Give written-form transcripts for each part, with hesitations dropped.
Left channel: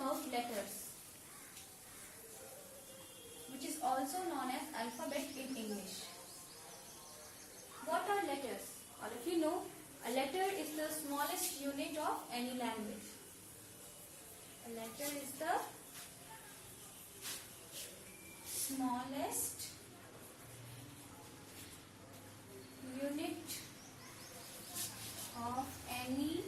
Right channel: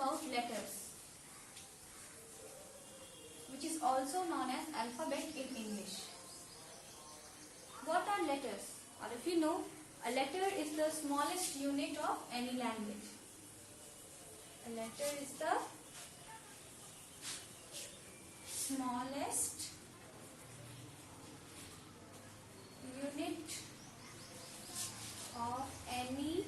about letters, which is also known as alphabet in English. What are letters? Or if you know, a letter is the smallest unit of any language. A letter is the smallest unit of any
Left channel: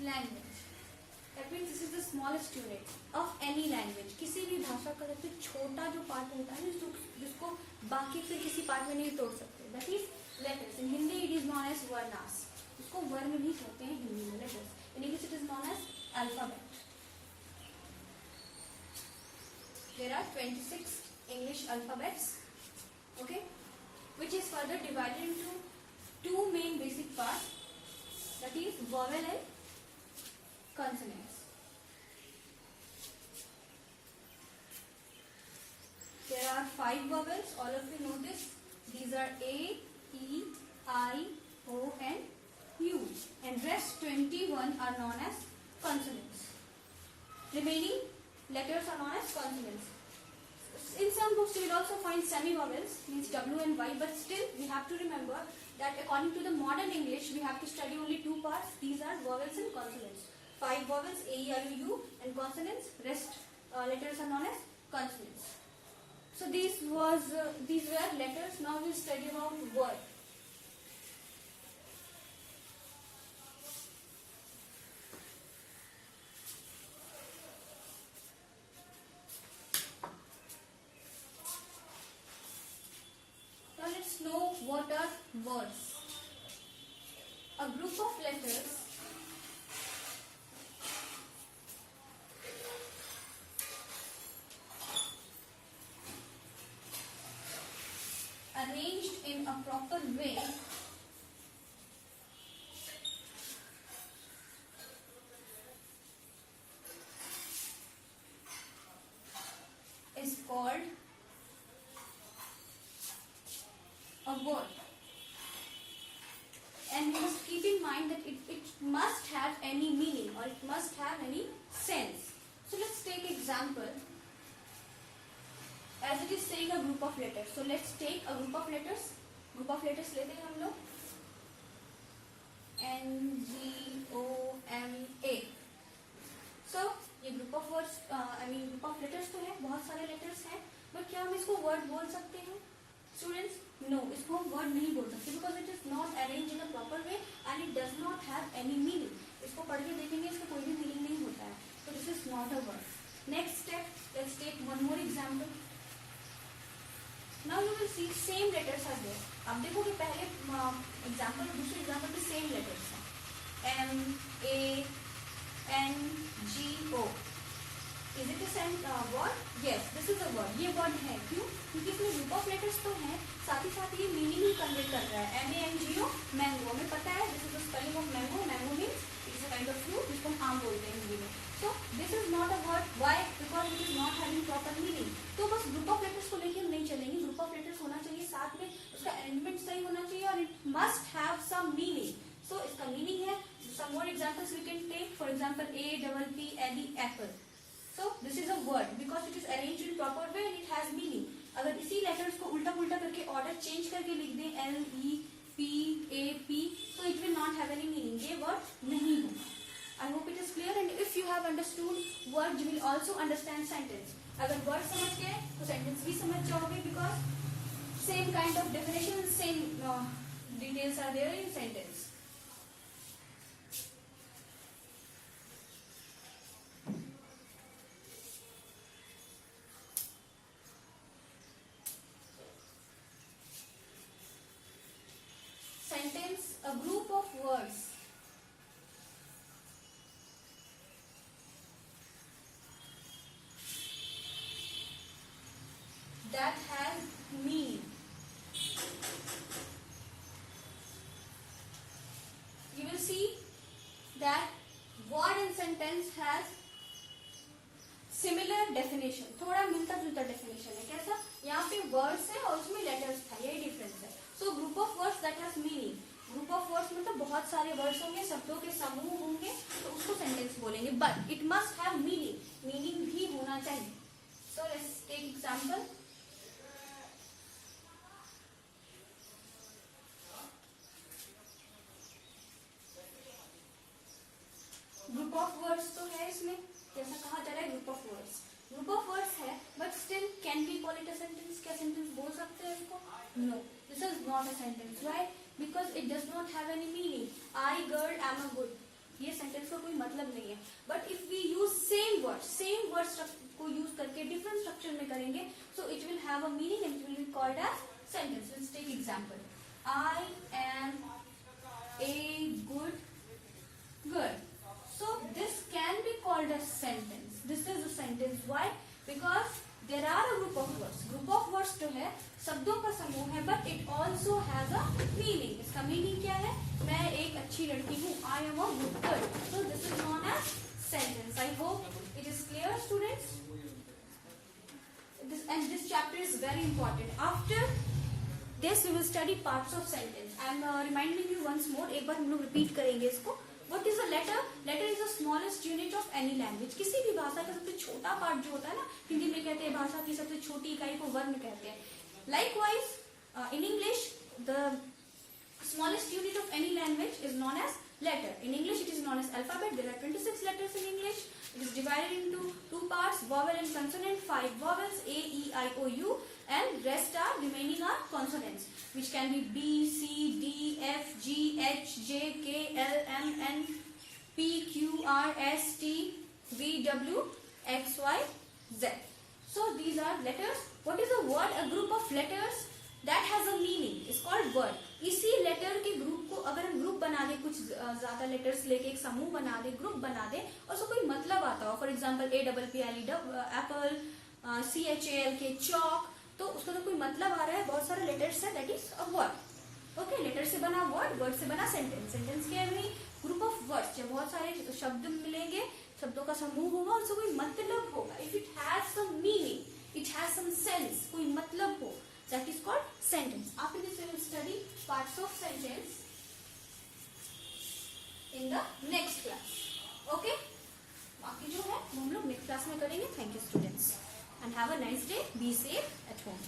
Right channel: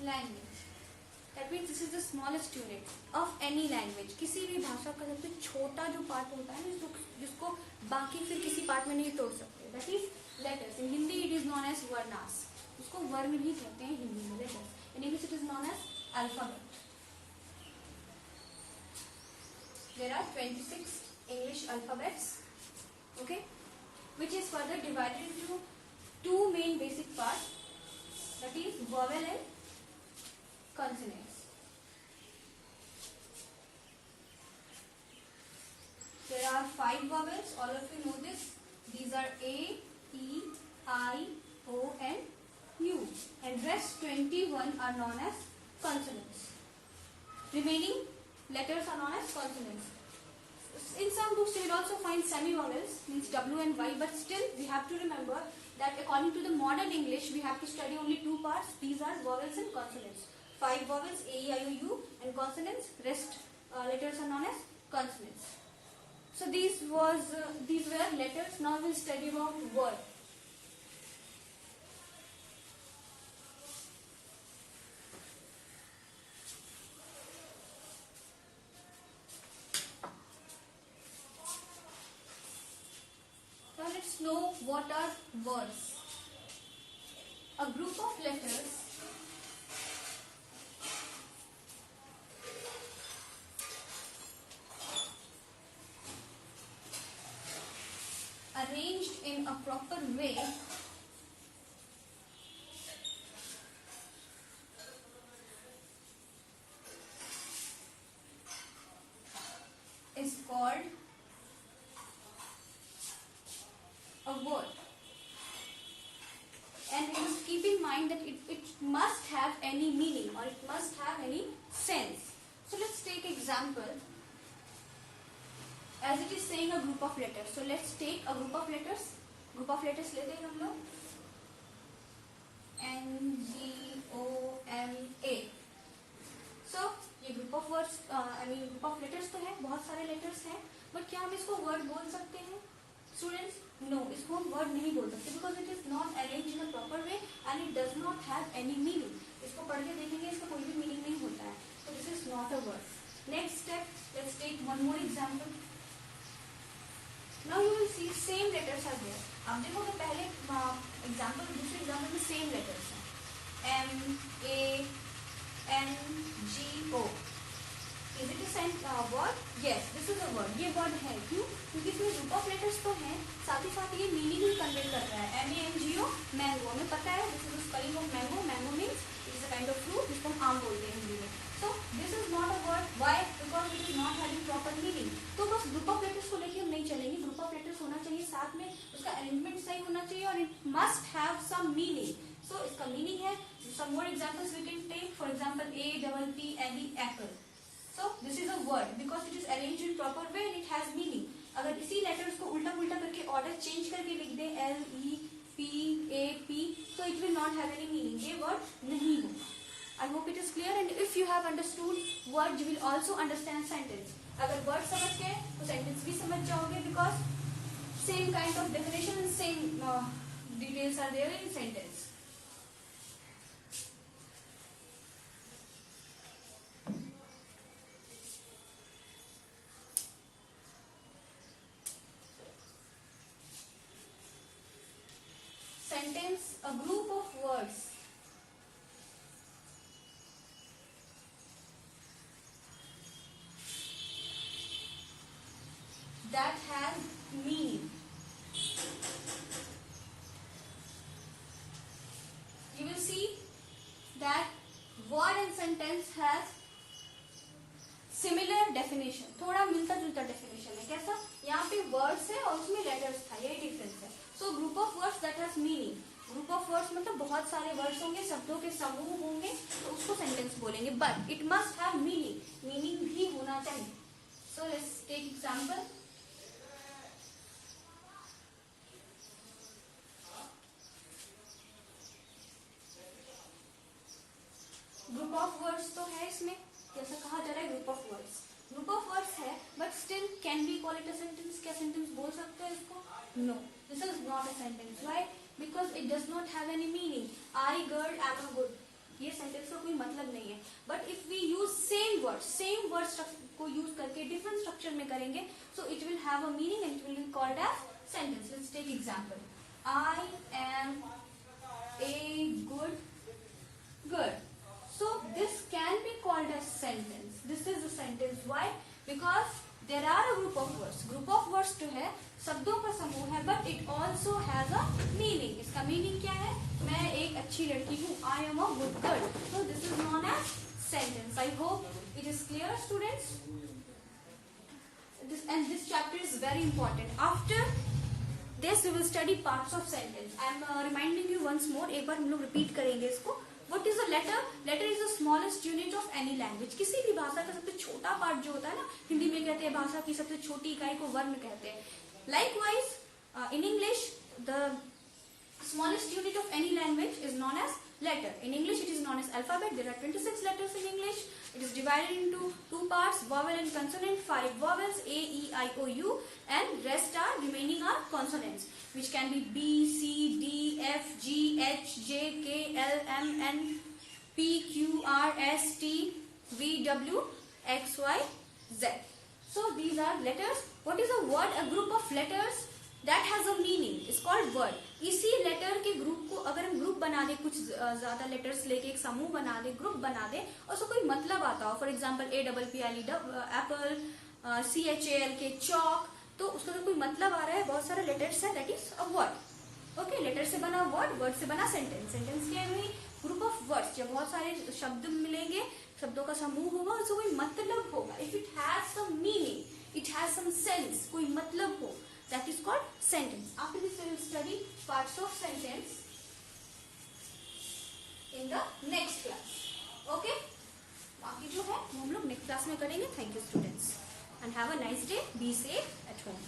language. That means this is the smallest unit of any language. किसी भी भाषा का सबसे छोटा जो part होता है जिसको बाकी फिर किसी पार्ट में नहीं तोड़ सकते, that is letters. In Hindi it is known as varnas. इसको वर्ण भी कहते हैं हिंदी में, letters. In English it is known as alphabet. There are 26 English alphabets, okay, which is further divided into two main basic parts, that is vowel and consonants. There are 5 vowels, all of you know this. These are A, E, I, O and U, and rest 21 are known as consonants. Remaining letters are known as consonants. In some books you will also find semi-vowels, means W and Y, but still we have to remember that according to the modern English we have to study only 2 parts. These are vowels and consonants. 5 vowels, A, E, I, O, U, and consonants. Rest letters are known as consonants. So these were letters. Now we will study about word. Now let's know what are words. A group of letters arranged in a proper way is called a word. And we must keep in mind that it must have any meaning, or it must have any sense. So let's take example. As it is saying a group of letters, so let's take a group of letters. Group of letters लेते हैं हम लोग N, G, O, M, A. So ये group of words, group of letters तो है, बहुत सारे letters हैं, but क्या हम इसको word बोल सकते हैं? Students, no, इसको हम word नहीं बोल सकते because it is not arranged in a proper way and it does not have any meaning. इसको पढ़ के देखेंगे, इसका कोई भी meaning नहीं होता है. So this is not a word. Next step, let's take one more example. Now you will see same letters are there. अब देखो कि पहले एग्जाम्पल दूसरे एग्जाम्पल में सेम लेटर्स हैं M, A, N, G, O. Is it a word? Yes, this is a word. ये word है, क्यों? क्योंकि इसमें group of letters तो हैं, साथ ही साथ ये meaning ही convey कर रहा है. M, A, N, G, O, mango. हमें पता है, this is the spelling of mango. Mango means it is a kind of fruit जिसको हम आम बोलते हैं हिंदी में. So this is not a word. Why? Because it is not having proper meaning. तो बस group of letters को लेके हम नहीं चलेंगे. Group of letters होना चाहिए, साथ में उसका arrangement सही होना चाहिए, और it must have some meaning. So इसका meaning है. Some more examples we can take. For example, A, double P, L, E, apple. So this is a word because it is arranged in proper way and it has meaning. अगर इसी letters को उल्टा पुल्टा करके order change करके लिख दें L, E, P, A, P, so it will not have any meaning. ये word नहीं होगा. I hope it is clear, and if you have understood word, you will also understand sentence. अगर word समझ गए तो sentence भी समझ जाओगे because same kind of definition and same details are there in sentence. Sentence, a group of words that has meaning. You will see that word and sentence has similar definition. थोड़ा मिलता जुलता definition है. कैसा? यहाँ पे words है और उसमें letters था, यही difference है. So group of words that has meaning. Group of words मतलब बहुत सारे वर्ड्स होंगे, शब्दों के समूह होंगे, तो उसको सेंटेंस बोलेंगे. But it must have meaning, meaning भी होना चाहिए. So let's take example. Group of words तो है इसमें, जैसा कहा जा रहा है group of words. Group of words है but still can be call it a sentence. क्या सेंटेंस बोल सकते हैं इसको? No, this is not a sentence. Why? Because it does not have any meaning. I girl am a good, ये sentence का कोई मतलब नहीं है. But if we use same word को यूज करके डिफरेंट स्ट्रक्चर में करेंगे, so it will have a meaning and it will be called as sentence. Let's take example. I am a good girl. So this can be called as sentence. This is a sentence. Why? Because there are a group of words. Group of words जो है शब्दों का समूह है, but it also has a meaning. इसका meaning क्या है? मैं एक अच्छी लड़की हूँ. I am a good girl. So this is known as sentence. I hope it is clear, students. This chapter is very important. After this we will study parts of sentence. I am reminding you once more. एक बार हम लोग repeat करेंगे इसको. What is a letter? Letter is the smallest unit of any language. किसी भी भाषा का सबसे छोटा पार्ट जो होता है ना, हिंदी में कहते हैं भाषा की सबसे छोटी इकाई को वर्ण कहते हैं. Likewise, in English, the smallest unit of any language is known as letter. In English, it is known as alphabet. There are 26 letters in English. It is divided into two parts: vowel and consonant. 5 vowels: A, E, I, O, U, and remaining are consonants, which can be B, C, D, F, G, H, J, K, L, M, N, P, Q, R, S, T, V, W, X, Y, Z. So these are letters. What is a word? A group of letters that has a meaning is called word. इसी letter के group को अगर हम group बना दे, कुछ ज्यादा letters लेके एक समूह बना दे, ग्रुप बना दे, और उसको कोई मतलब आता हो, for example APPLE Apple, CHALK chalk, तो उसका अगर कोई मतलब आ रहा है, बहुत सारे लेटर्स है, that is a word. Okay, letter से बना वर्ड, वर्ड से बना सेंटेंस. सेंटेंस क्या है? Group of words. जब बहुत सारे शब्द मिलेंगे, शब्दों का समूह होगा, उसको कोई मतलब होगा. If it has some meaning, it has some sense, कोई मतलब हो, that is called sentence. After this we will study parts of sentence in the next class. Okay? बाकी जो है वो हम लोग नेक्स्ट क्लास में करेंगे. Thank you students and have a nice day. Be safe at home.